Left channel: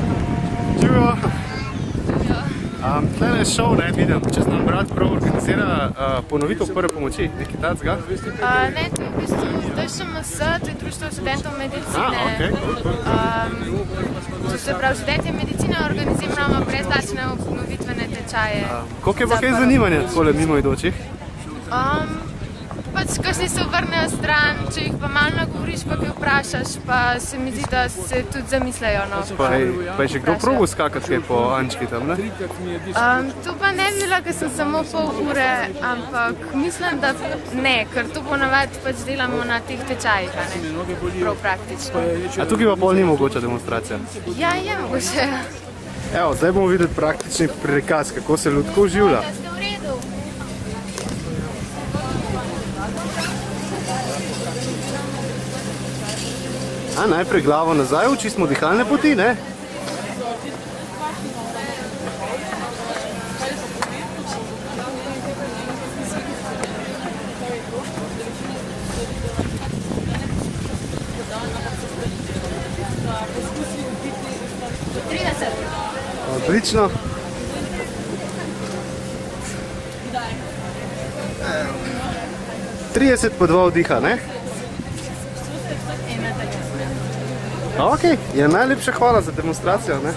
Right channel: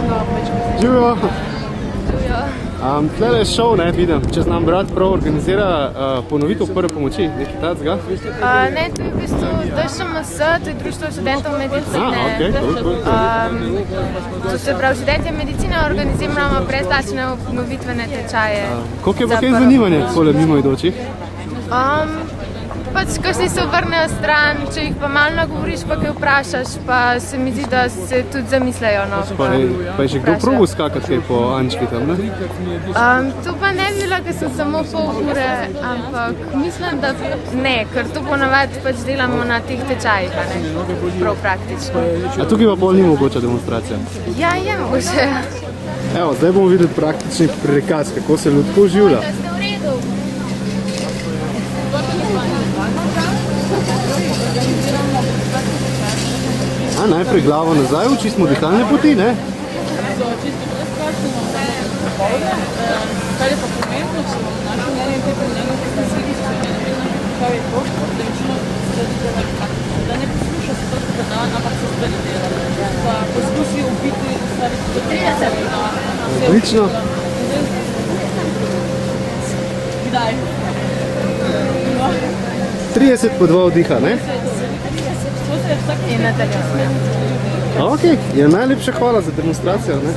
Živijo. Živijo. Tukaj je šov, ne, vidim, če znam brat prav organizira ponovitev prve pomoči, nekaj tacga? Ne, to je v bistvu DŠMS, to je Društvo študentov medicine. To se pravi, študentje medicine organiziramo brezplačne obnovitvene tečaje. Koliko je pa kaj zanimanja poleg mimoidočih? Pač, kakšni se obrnejo stran, če jih pa malo nagovoriš, pa kaj vprašaš, pa se mi zdi, da se tudi zamislejo. No, pa je že kdo probil skakati po Ančki tam, ne? To pa ne bi bila, ker sem samo pol ure, ampak mislim, da ne, ker to ponavadi pač delamo na teh tečajih, a ne? Prav praktično. A tukaj pa bolj ni mogoče demonstracija? Ja, je mogoče. Evo, zdaj bomo videli praktični prikaz, kako se ljudko življa. Da ste v redu. Najprej glavo nazaj, očistimo dihalne poti, ne? Odlično. Kdaj? 30 po 2 vdiha, ne? In nadaljujemo. Ok, je najlepša hvala za demonstracijo, ne?